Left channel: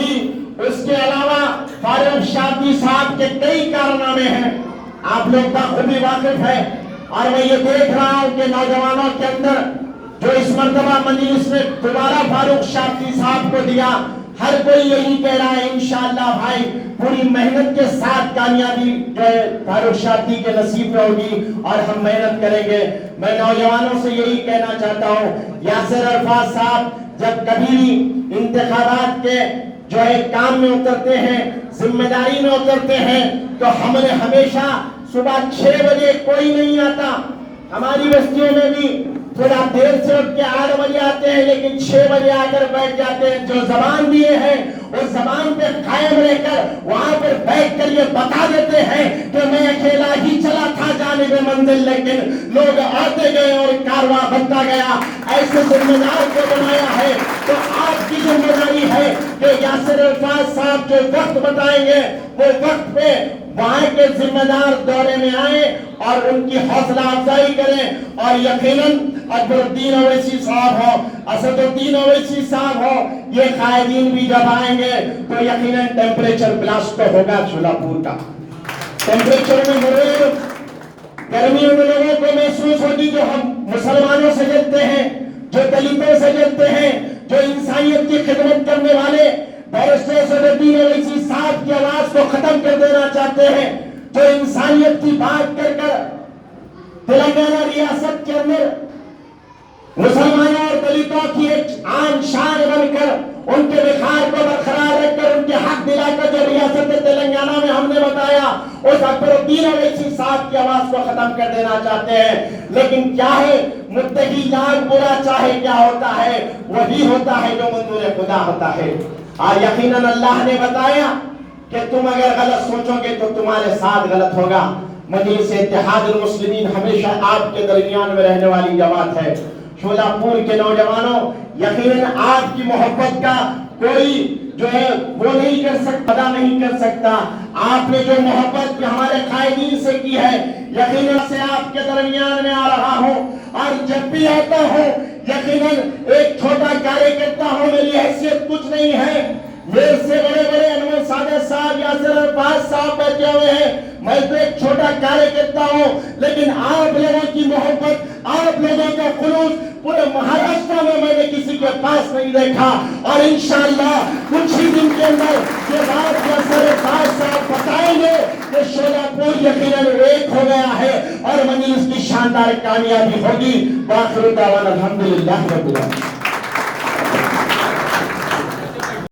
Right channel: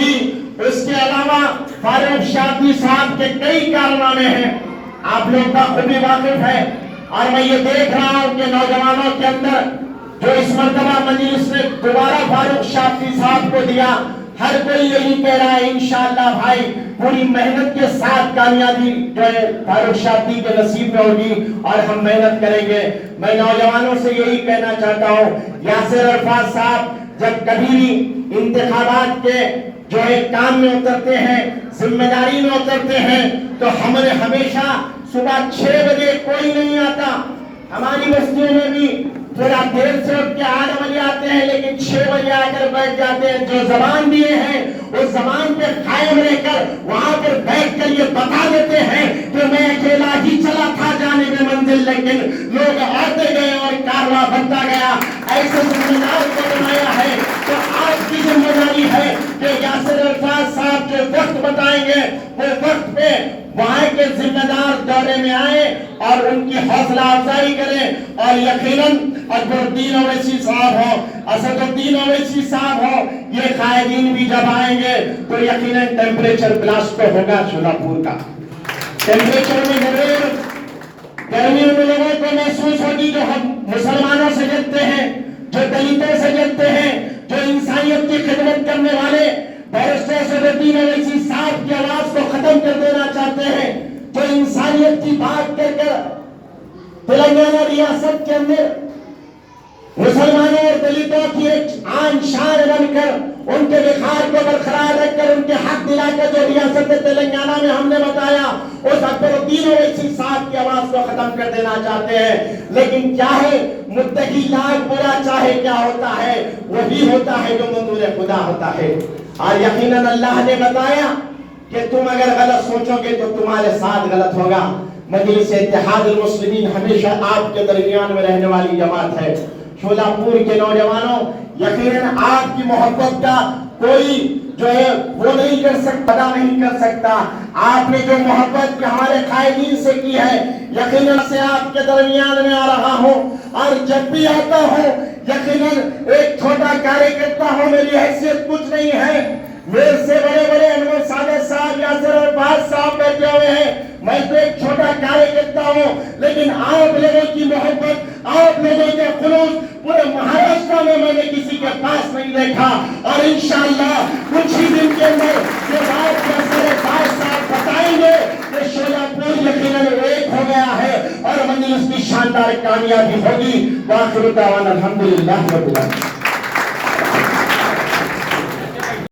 ہوگی. اس کے علاوہ فاروق شادی صاحب کے کئی کارنامے ہیں، آپ لوگ کا خود بھی واقف ہے. اور میں یہ دیکھ رہا ہوں کہ نوجوانوں کے اندر جو اس مرتبہ مجلس نے دوبارہ فاروق شادی صاحب کو دیا، ہر کوئی یہی کہہ رہا ہے انشاءاللہ بھائی پوری محنت کے ساتھ کامیابی جو ہے فاروق شادی کے نصیب میں ہوگی اور ہم محنت کریں گے. میں نوجوانوں سے یہی کہنا چاہتا ہوں، یاسر عرفات صاحب جب کبھی بھی انتخابات کے جو ہے کام میں اترتے ہیں، ذمہ داری میں اترتے ہیں، تو ہم نے ہمیشہ صبح 6 بجے کوئی نہیں آتا. ہماری بستیوں میں بھی تھوڑا دیر سے اٹھ کے 8 بجے آتے ہیں، لیکن 6 بجے آ کر بیٹھ جاتے ہیں. جو زبان دیے ہیں اس زبان پہ قائم رہ کر وہاں پر بیٹھ کر یہ بتا دیتے ہیں کہ میں اکیلا ہی چلا تھا جانب منزل، لیکن لوگ آتے گئے اور کارواں بنتا گیا. ایسے ذمہ دار کو بنایا ہے. تو آپ کی ذمہ داری ہے کہ یاسر عرفات صاحب جو وقت بتائیں گے وہ وقت پہ وہاں کے ذمہ دار دورے میں آئیں اور ان کی حوصلہ افزائی کریں. اور یقیناً اکبر الدین اویسی صاحب ہو، اسد الدین اویسی صاحب ہو، یہ قائدین بھی جب آئیں گے تو یقیناً ٹیمپریچر بلاسٹ ہوگا شولہ پور کا. ٹیمپریچر میں ضرور گرمیوں میں لوگوں کو محسوس ہوگی، جو ہم مسلمانوں سے جلتے ہیں، جو دلتوں سے جلتے ہیں، جو انسانیت کی خدمت کرنے والے بیرسٹر اسد الدین اویسی صاحب کی آواز کو ختم کر دینا چاہتے ہیں، جو انسانیت کی بات کر کر تلنگانہ ریاست کے اندر مسلمانوں اور دلتوں کی ایک عام شان بن کر ان کے وقار کو برقرار رکھ کر ان کے حق دلا کر جو ریاست تلنگانہ میں ہم نے بتایا، اس اکبر الدین اویسی صاحب کی آواز کو ختم کر دینا چاہتے ہیں. لیکن کیا ہے، متقی لاکھ برا چاہے کیا ہوتا ہے، وہی ہوتا ہے جو منظور خدا ہوتا ہے. اور یقیناً اللہ نے بتایا کہ تم اگر غلط سوچو گے تو تمہارے ساتھ غلط ہوگا. مجلس اتحاد المسلمین ہمیشہ آپ کے درمیان میں رہنے والی جماعت ہے. شولہ پور کے نوجوانوں، یقیناً آپ کی محبت کا کوئی جو ہے وہ نہیں کر سکتا، ادا نہیں کر سکتا. آپ نے جو محبت ہمارے قائدین سے کی ہے، یقیناً سے آپ کے درمیان میں آ رہا ہوں. اور جب بھی آتا ہوں یقیناً ایک چھوٹا کارے کرتا ہوں، میری حیثیت کچھ نہیں ہے. میرے سے بڑے بڑے انور سادات صاحب، یاسر عرفات صاحب بیٹھے ہوئے ہیں، میں تو ایک چھوٹا کارے کرتا ہوں. لیکن آپ لوگوں کی محبت، آپ لوگوں کا خلوص پورے مہاراشٹر میں نے کسی کے پاس نہیں دیکھا. اور انشاءاللہ کچھ ہی دن کے اندر یاسر عرفات صاحب بتائیں گے کہ شولہ پور یقیناً ایک ہو گیا ہے اور مجلس کی شاندار کامیابی ہوگی. وآخر دعوانا الحمدللہ رب العالمین.